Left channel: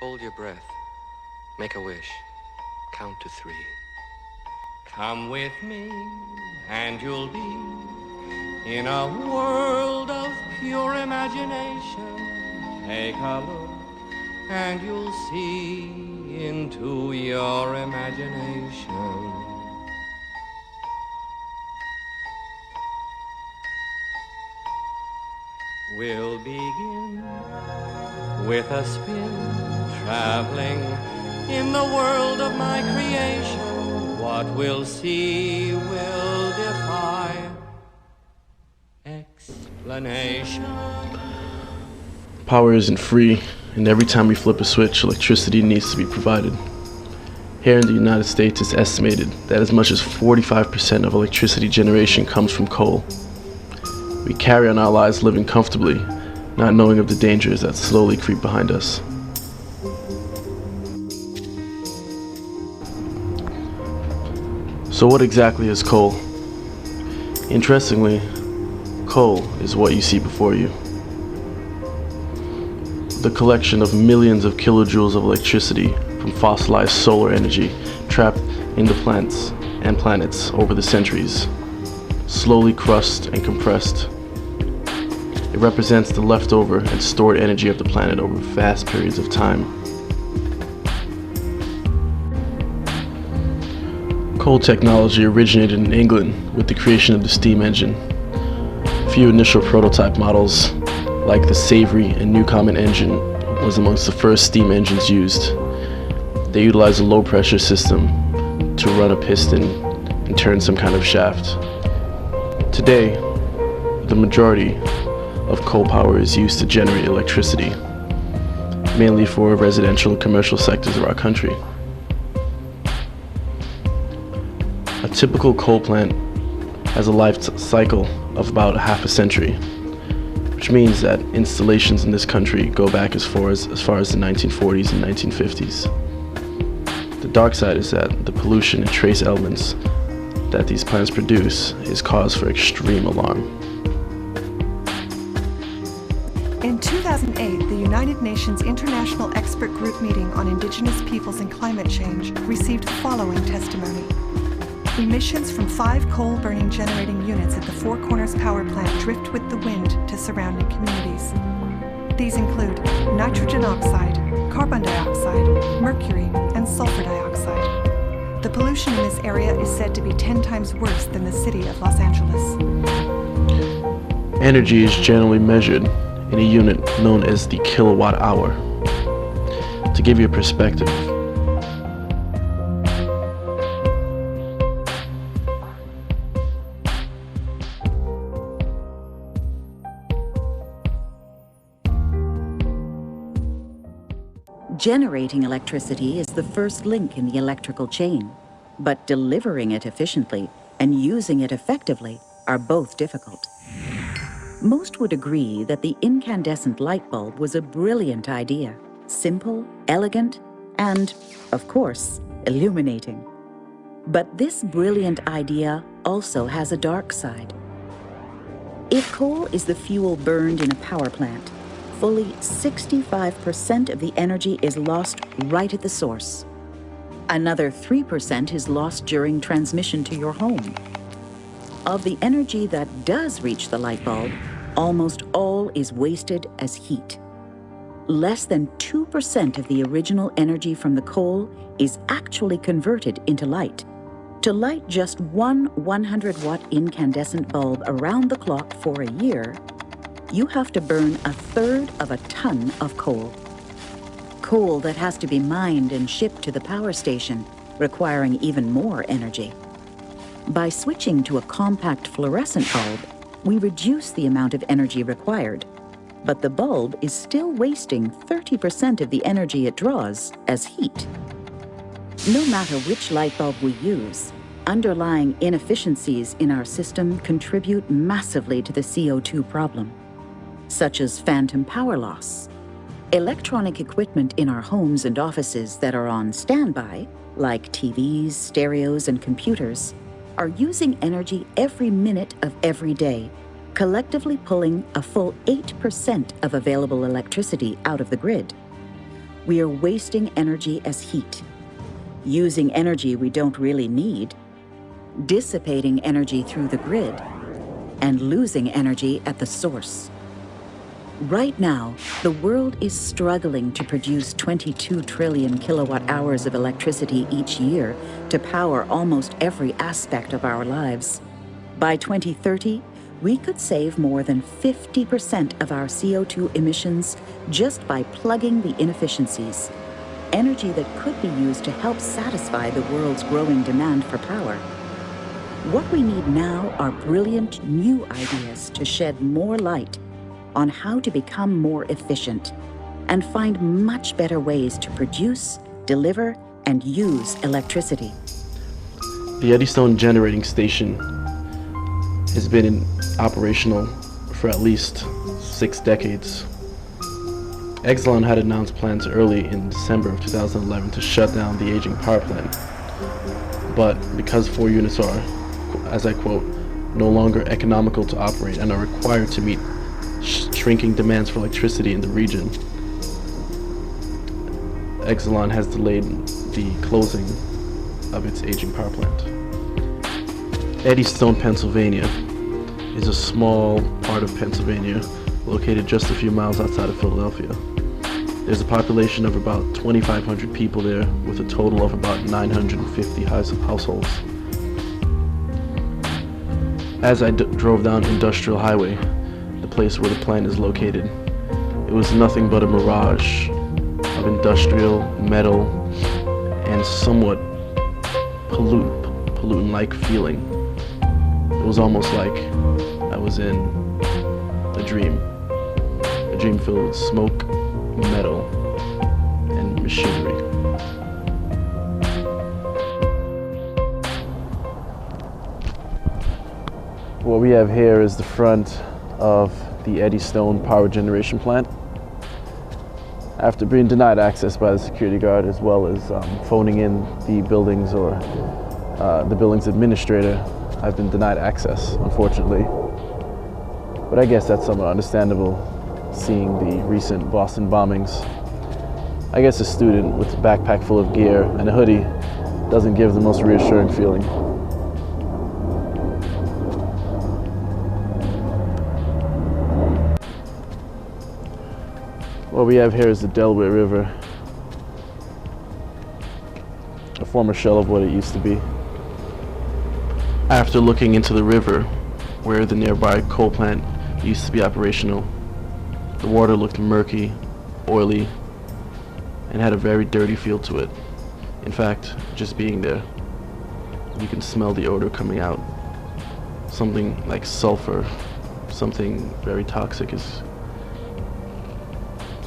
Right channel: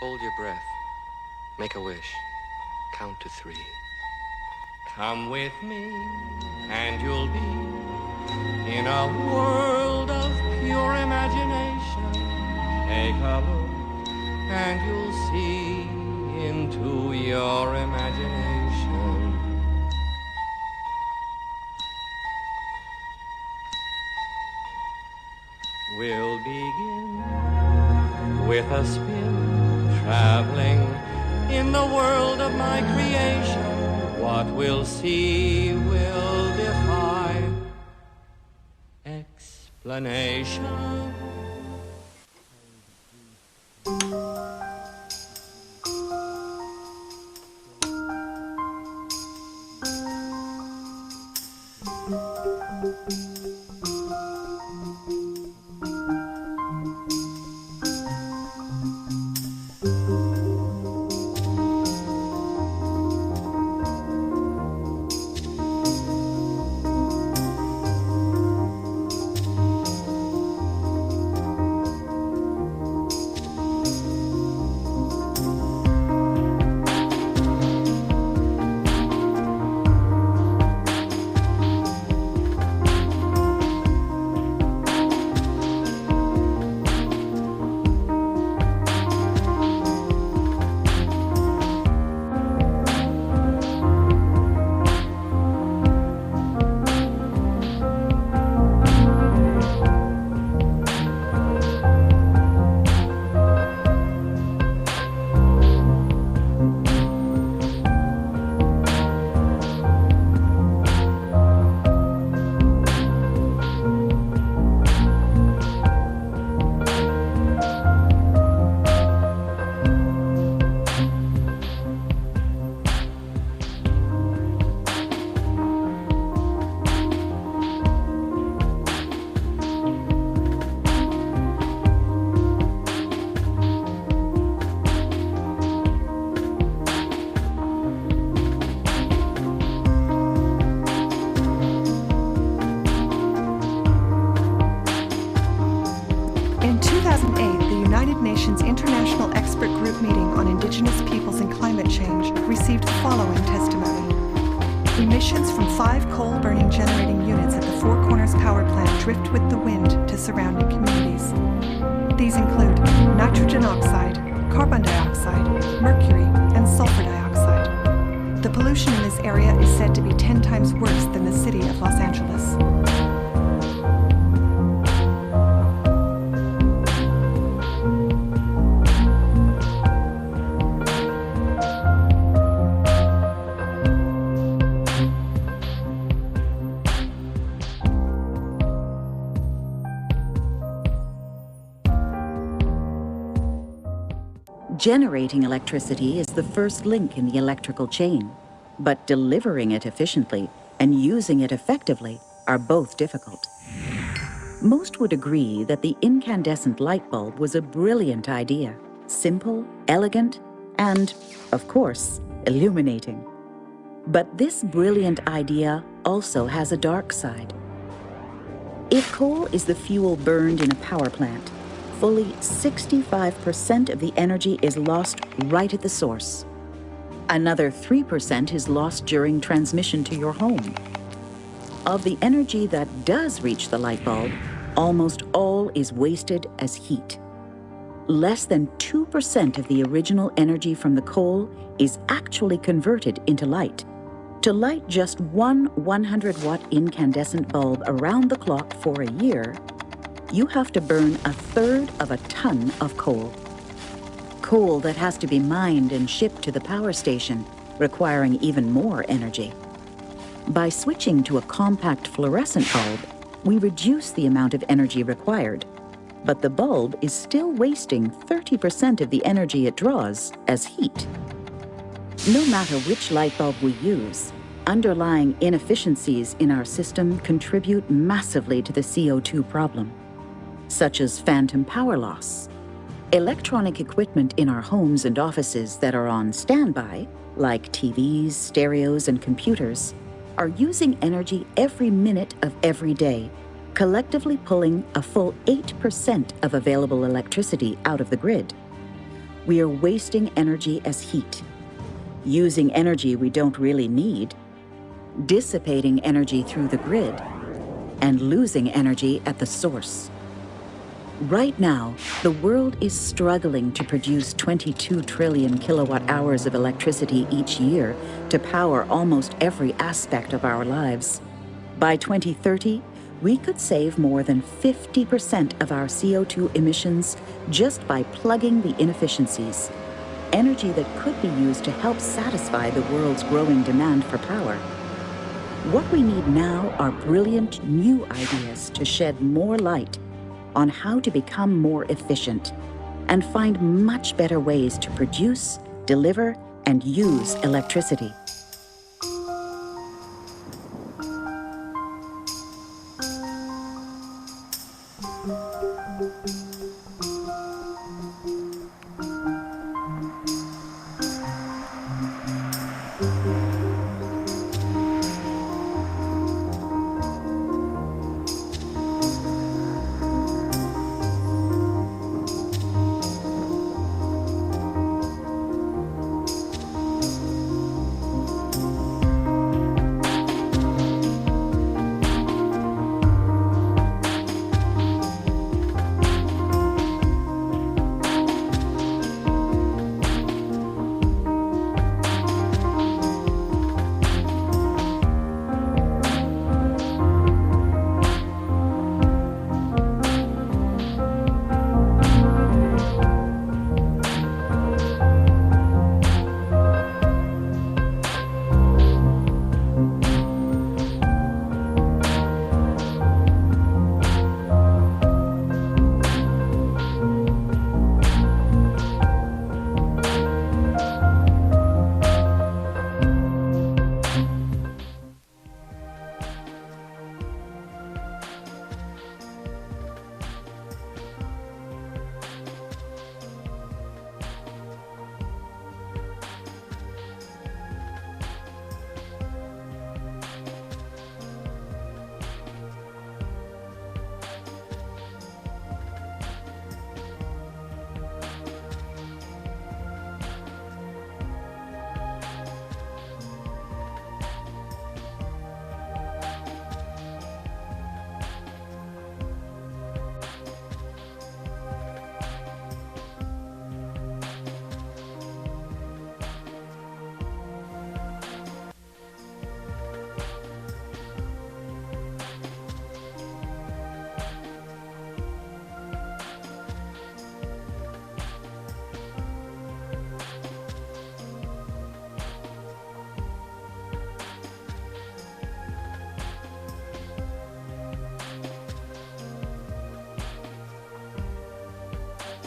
Hold your breath. Make a wish. Count to 3. Come with me, and you'll be in a world of pure imagination. Take a look, and you'll see into your imagination. We'll begin with a spin, traveling in the world of my creation. What we'll see will defy explanation. Power isn't free, and every time we flip a switch, electricity needs to be provided. Here in the United States, it's estimated that as much as 45% of electricity generation comes from coal. We carry on our lives living comfortably, not knowing of the dangers that slowly creep behind us. So what exactly is coal? Interestingly, coal is what you see before you. The collection of millions of kilojoules of electricity from fossilized solar energy trapped in the plants and planets over the centuries, slowly crushed and compressed. It represents the leftover and stored energy of the planet over vast periods of time. Coal technology originated in England with the creation of the steam engine. A few initial prototype models, like the Savory and Newcomen engine, was amongst the first steam engines used. They utilized a low-pressure system to run a piston and turn some kind of shaft. Today, the majority of coal power is used to generate electricity, mainly for residential and commercial sectors of our country. A typical coal plant has a life cycle of about half a century, which means that installations in this country go back as far as the 1940s and 1950s. The dark side is that the pollution and trace elements that these plants produce is cause for extreme alarm. In 2008, the United Nations International Expert Group meeting on Indigenous Peoples and Climate Change received the following testimony. Emissions from 5 coal-burning generating units at the Four Corners Power Plant drift with the wind to surrounding communities. These include nitrogen oxide, carbon dioxide, mercury, and sulfur dioxide. The pollution in this area is said to be 10 times worse than the city of Los Angeles. Energy is generally measured in a unit known as the kilowatt hour. To give you a perspective, generating electricity is the first link in the electrical chain, but delivering it efficiently and using it effectively are both difficult. Most would agree that the incandescent light bulb was a brilliant idea, simple, elegant, and, of course, illuminating. But this brilliant idea also has a dark side. If coal is the fuel burned in a power plant, fully 65% of the energy is lost right at the source. Another 3% is lost during transmission to your home. Of the energy that does reach the light bulb, almost all is wasted as heat. Less than 2% of the original energy from the coal is actually converted into light. To light just one 100-watt incandescent bulb around the clock for a year, you have to burn 1/3 of a ton of coal. Coal that has to be mined and shipped to the power station, requiring even more energy. By switching to a compact fluorescent bulb, we reduce the amount of energy required, but the bulb is still wasting 30% of the energy it draws as heat. No matter which light bulb we use, underlying inefficiencies in our system contribute massively to the CO2 problem, such as phantom power loss. Electronic equipment in our homes and offices that are on standby, like TVs, stereos, and computers, are using energy every minute of every day, collectively pulling a full 8% of available electricity out of the grid. we are wasting energy as heat, using energy we don't really need, dissipating energy through the grid, and losing energy at the source. Right now, the world is struggling to produce 22 trillion kilowatt hours of electricity each year to power almost every aspect of our lives. By 2030, we could save more than 50% of our CO2 emissions just by plugging the inefficiencies, energy that could be used to help satisfy the world's growing demand for power. What we need now are brilliant new ideas to shed more light on how to become more efficient and find much better ways to produce, deliver, and use electricity. The Eddystone Generating Station has been operational for at least 6 decades. Exelon had announced plans early in December of 2011 to shut down the aging power plant. But because 4 units are, as I quote, no longer economical to operate and are required to meet shrinking demands for electricity in the region, Exelon has delayed the closing of its aging power plant. Eddystone, Pennsylvania is a small part of Pennsylvania located just a few miles outside of Philadelphia. There's a population of about 2,500 people there with a total of about 950 households. As I drove down Industrial Highway, the place where the plant is located, it was nothing but a mirage of industrial, metal, and somewhat pollutant-like feeling. It was almost like I was in a dream filled with smoke, metal, and machinery. What we have here is the front of the Eddystone power generation plant. After being denied access by the security guard, as well as phoning in the buildings or the building's administrator, I've been denied access, unfortunately. But I guess that's somewhat understandable, seeing the recent Boston bombings. I guess a student with a backpack full of gear and a hoodie doesn't give the most reassuring feeling. What we have here is the Delaware River, a former shell of what it used to be. After looking into the river, where the nearby coal plant used to be operational, the water looked murky, oily, and had a very dirty feel to it. In fact, just being there, you can smell the odor coming out. Something like sulfur, something very toxic is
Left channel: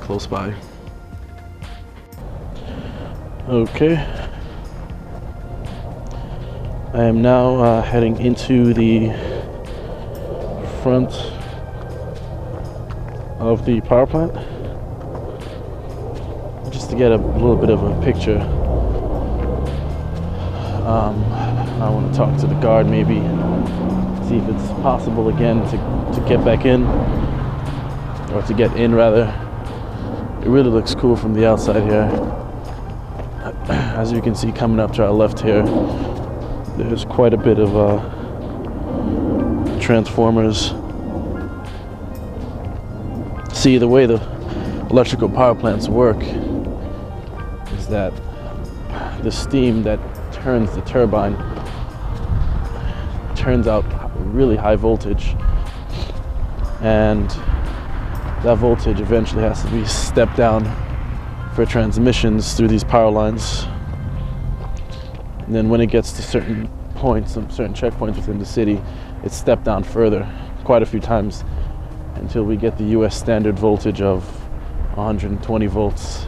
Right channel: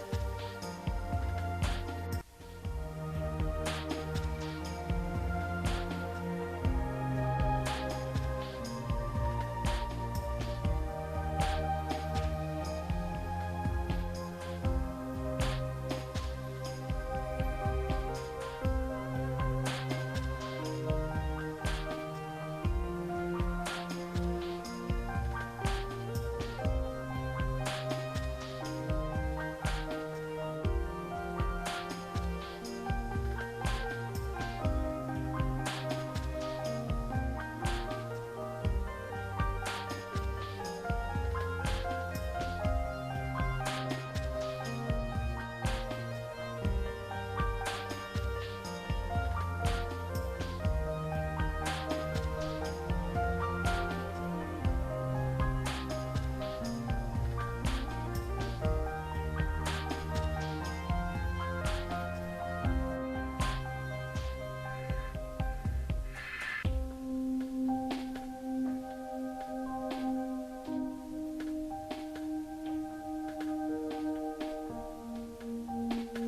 close by. Okay. I am now heading into the front of the power plant just to get a little bit of a picture. I want to talk to the guard, maybe see if it's possible again to get back in, or to get in rather. It really looks cool from the outside here. As you can see, coming up to our left here, there's quite a bit of transformers. See, the way the electrical power plants work is that the steam that turns the turbine turns out really high voltage, and that voltage eventually has to be stepped down for transmissions through these power lines. And then when it gets to certain points, some certain checkpoints within the city, it's stepped down further quite a few times until we get the US standard voltage of 120 volts.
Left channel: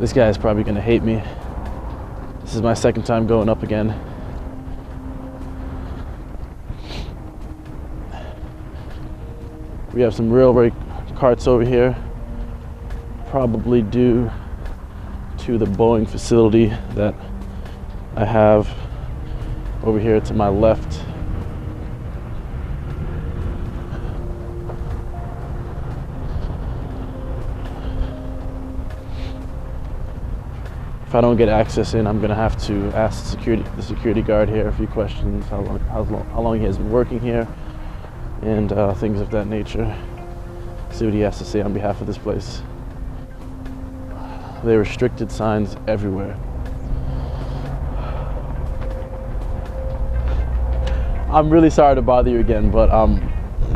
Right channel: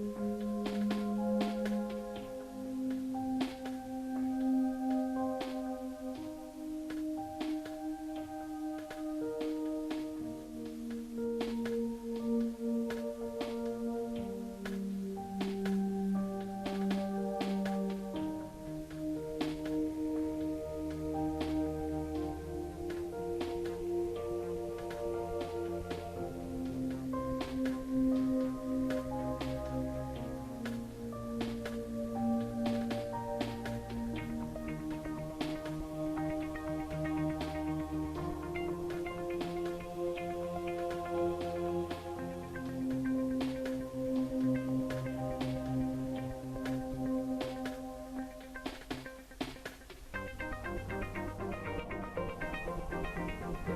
This guy is probably gonna hate me. This is my second time going up again. We have some railway carts over here, probably due to the Boeing facility that I have over here to my left. if I don't get access in, I'm gonna have to ask the security guard here a few questions, how long he has been working here, and things of that nature. See what he has to say on behalf of this place. There are restricted signs everywhere. I'm really sorry to bother you again, but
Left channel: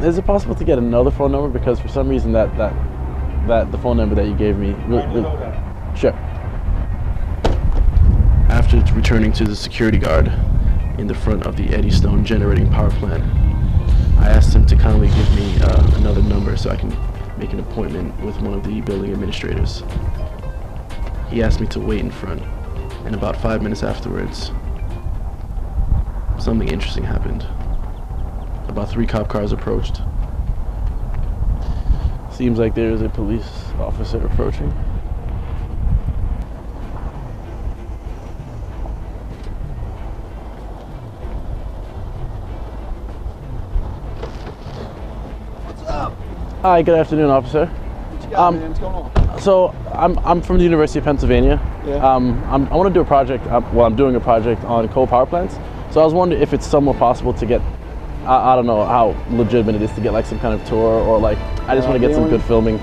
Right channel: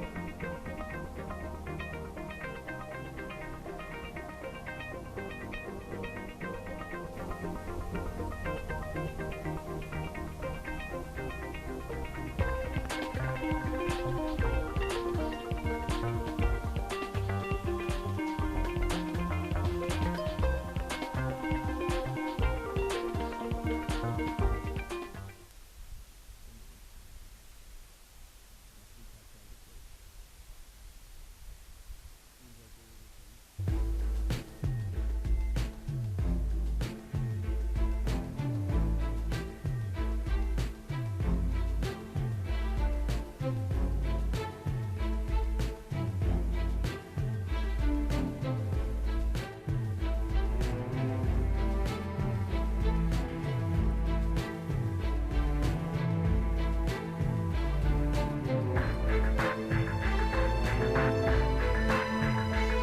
is it possible to get another phone number? Because for some reason that the phone number that you gave me, sure. After returning to the security guard in the front of the Eddystone generating power plant, I asked him to kindly give me another number so I can make an appointment with one of the building administrators. He asked me to wait in front, and about 5 minutes afterwards, something interesting happened. About 3 cop cars approached. Seems like there is a police officer approaching. What's up? Hi, good afternoon, officer. What you got, man? What's going on? So I'm from the University of Pennsylvania. Yeah. I want to do a project. I'm doing a project on coal power plants. So I was wondering if it's somewhat possible to get. I don't know how legitimate it is to get like some kind of tour, or like I just want to get some good filming.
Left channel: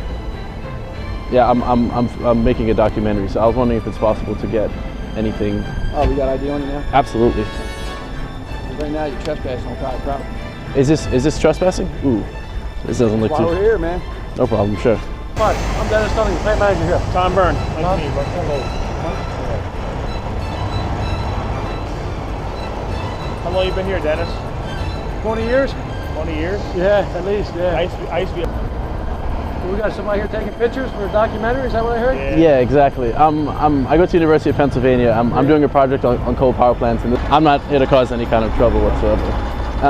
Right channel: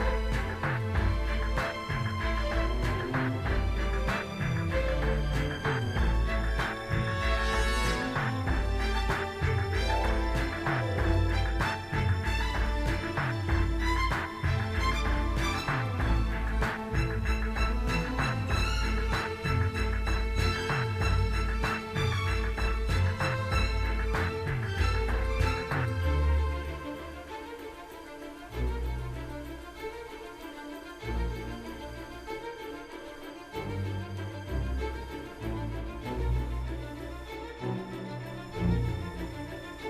Yeah, I'm making a documentary, so I was wondering if it's possible to get anything. Oh, we got ID on you now? Absolutely. Right now you're trespassing on private property. Is this trespassing? Ooh, this doesn't look Why we're too. here, man? No problem, sure. Hi, I'm Dennis Dunning, plant manager here. Tom Byrne. Nice to meet you, bro. Hello. How long you been here, Dennis? 20 years? 20 years? Yeah, at least, yeah. I used to be We got somebody here taking pictures for a documentary, is that what I heard? Yeah, exactly. I go to the University of Pennsylvania. I'm doing a project on coal power plants, and I'm not here to cause any kind of trouble whatsoever.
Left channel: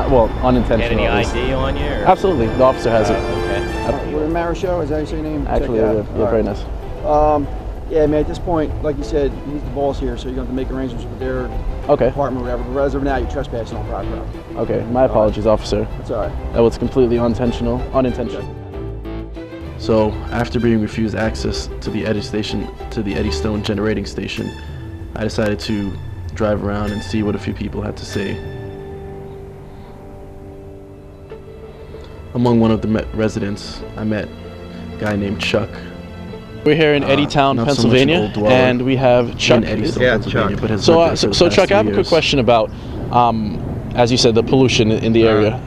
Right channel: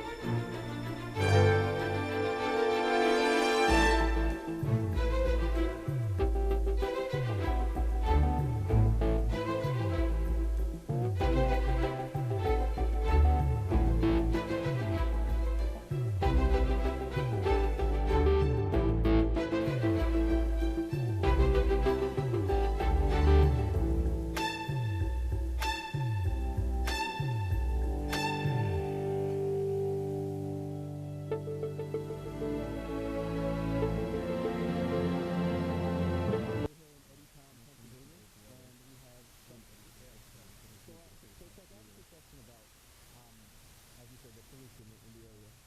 Well, unintentional. Any ID on you? Or? Absolutely, the officer has it. Okay. We're in Marisho, is that how you say your name? Actually, Check it yeah, out. very All right. nice. Yeah, man, at this point, like you said, he's the boss here, so you're going to have to make arrangements with their Okay, department or whatever. But as of now, you're trespassing on private property. okay. My apologies, officer. That's all right. That was completely unintentional. So, after being refused access to the Eddystone generating station, I decided to drive around and see what a few people had to say. Among one of the residents, I met a guy named Chuck. We're here in Eddytown, not Pennsylvania, so much an old dweller and we have Chuck. in Eddystone, Yeah, Pennsylvania, Chuck. but has So, lived there for so the Chuck, past I have 3 a quick years. question about, as you said, the pollution in the area.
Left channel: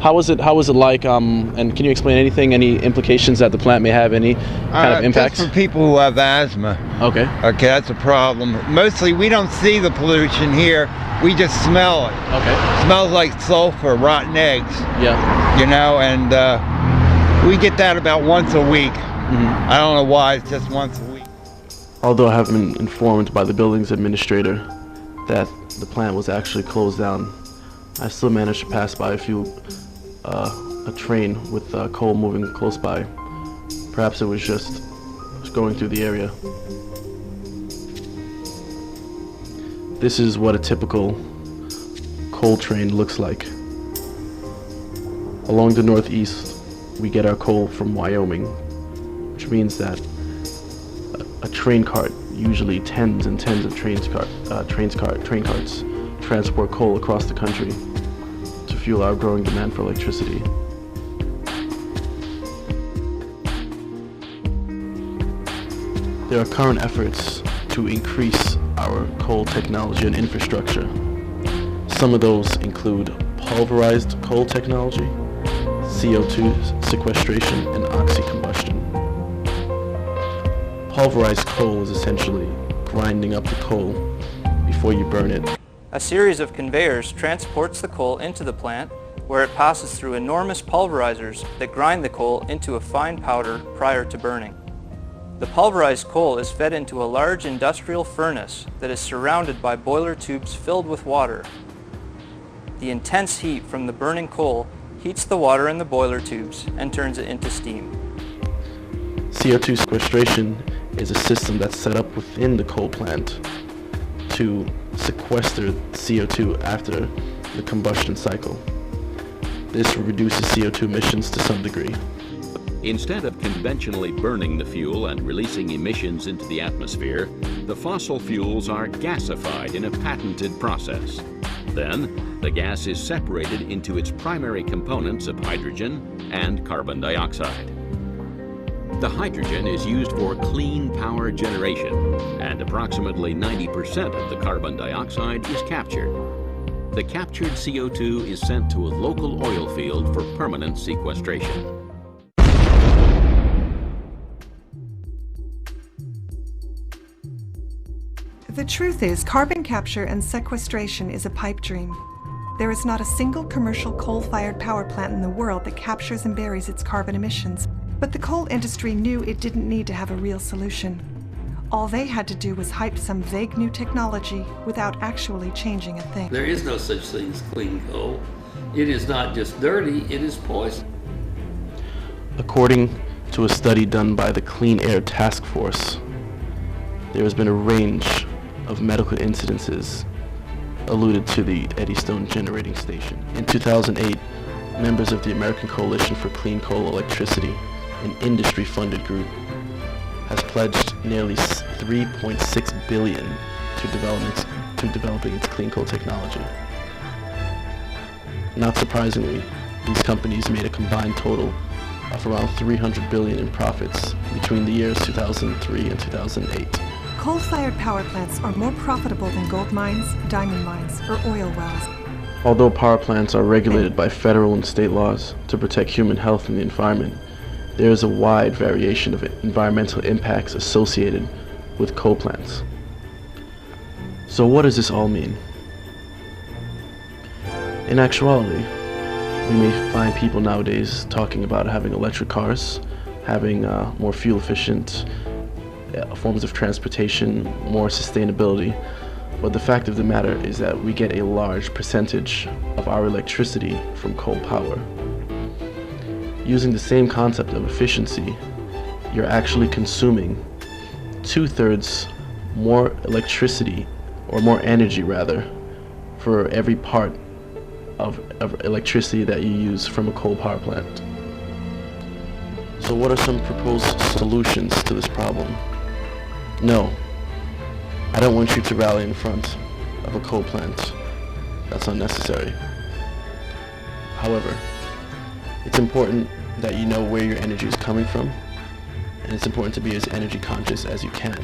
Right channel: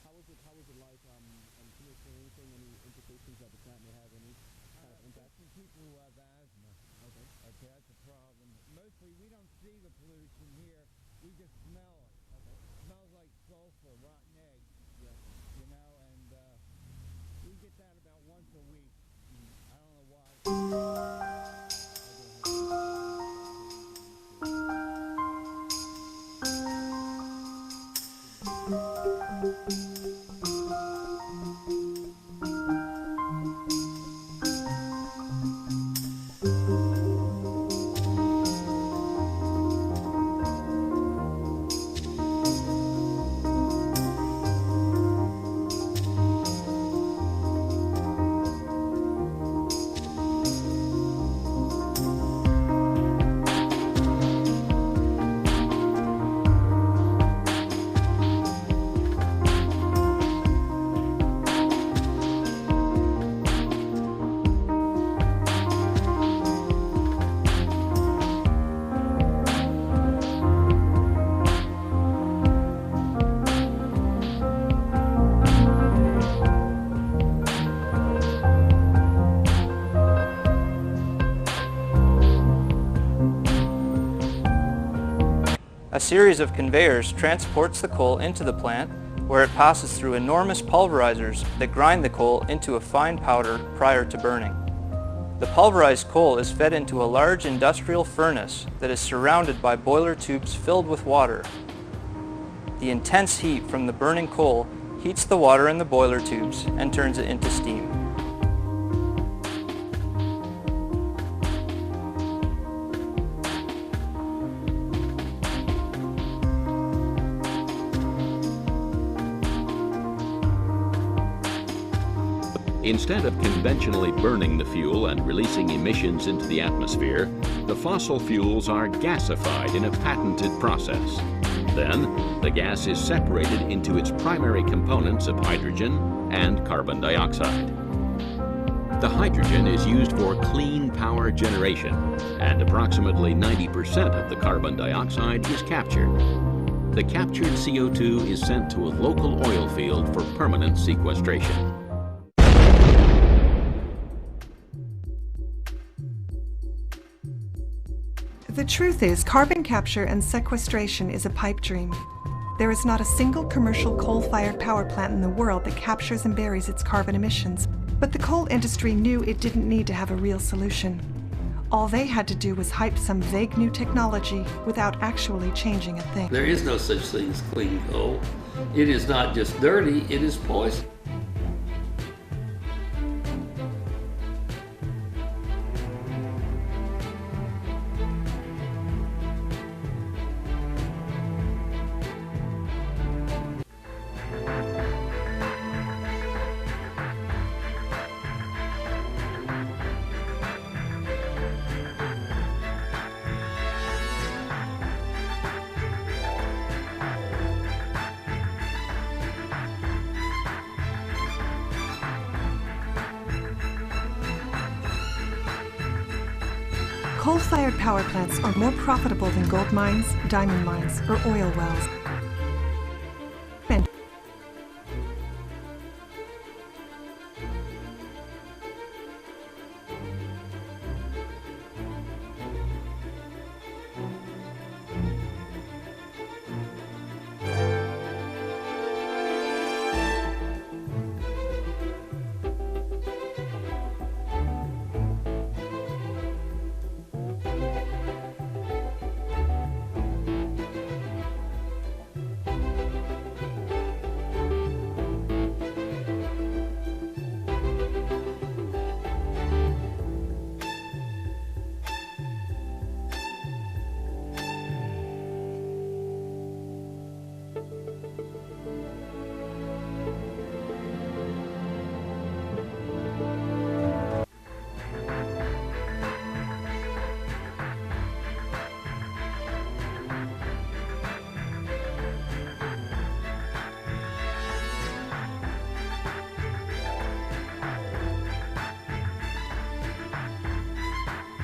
How was it like, and can you explain anything, any implications that the plant may have, any kind of impacts? Just for people who have asthma. Okay. Okay, that's a problem. Mostly we don't see the pollution here, we just smell it. Okay. Smells like sulfur, rotten eggs, Yeah. you know, and we get that about once a week. Mm-hmm. I don't know why, it's just once a week. Although I have been informed by the building's administrator that the plant was actually closed down, I still managed to pass by a train with coal moving close by. Perhaps it was just going through the area. This is what a typical coal train looks like. Along the northeast, we get our coal from Wyoming, which means that a train cart, usually tens and tens of train carts, transport coal across the country to fuel our growing demand for electricity. There are current efforts to increase our coal technology and infrastructure. Some of those include pulverized coal technology, CO2 sequestration, and oxy-combustion. Pulverized coal is essentially grinding up the coal before you burn it. A series of conveyors transports the coal into the plant, where it passes through enormous pulverizers that grind the coal into a fine powder prior to burning. The pulverized coal is fed into a large industrial furnace that is surrounded by boiler tubes filled with water. The intense heat from the burning coal heats the water in the boiler tubes and turns it into steam. CO2 sequestration is a system that's set up within the coal plant to sequester CO2 after the combustion cycle. This reduces CO2 emissions to some degree. Instead of conventionally burning the fuel and releasing emissions into the atmosphere, the fossil fuels are gasified in a patented process. Then, the gas is separated into its primary components of hydrogen and carbon dioxide. The hydrogen is used for clean power generation, and approximately 90% of the carbon dioxide is captured. The captured CO2 is sent to a local oil field for permanent sequestration. The truth is, carbon capture and sequestration is a pipe dream. There is not a single commercial coal-fired power plant in the world that captures and buries its carbon emissions. But the coal industry knew it didn't need to have a real solution. All they had to do was hype some vague new technology without actually changing a thing. There is no such thing as clean coal. It is not just dirty, it is poison. According to a study done by the Clean Air Task Force, there has been a range of medical incidences alluded to the Eddystone Generating Station. In 2008, members of the American Coalition for Clean Coal Electricity, an industry-funded group, has pledged nearly $3.6 billion to developing its clean coal technology. Not surprisingly, these companies made a combined total of around $300 billion in profits between the years 2003 and 2008. Coal-fired power plants are more profitable than gold mines, diamond mines, or oil wells. Although power plants are regulated by federal and state laws to protect human health and the environment, there is a wide variation of environmental impacts associated with coal plants. So what does this all mean? In actuality, we may find people nowadays talking about having electric cars, having more fuel-efficient forms of transportation, more sustainability, but the fact of the matter is that we get a large percentage of our electricity from coal power. Using the same concept of efficiency, you're actually consuming 2/3 more electricity, or more energy rather, for every part of electricity that you use from a coal power plant. So what are some proposed solutions to this problem? No, I don't want you to rally in front of a coal plant. That's unnecessary. However, it's important that you know where your energy is coming from, and it's important to be as energy conscious as you can.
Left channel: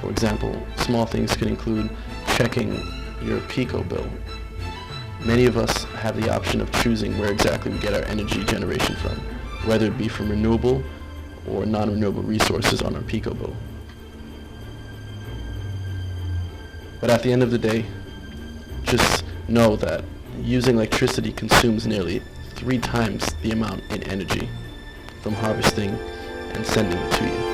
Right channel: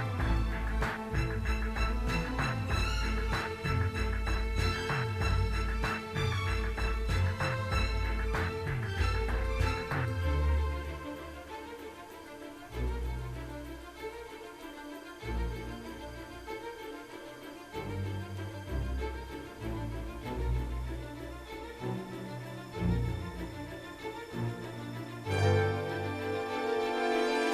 For example, small things can include checking your Pico bill. Many of us have the option of choosing where exactly we get our energy generation from, whether it be from renewable or non-renewable resources on our Pico bill. But at the end of the day, just know that using electricity consumes nearly 3 times the amount in energy from harvesting and sending it to you.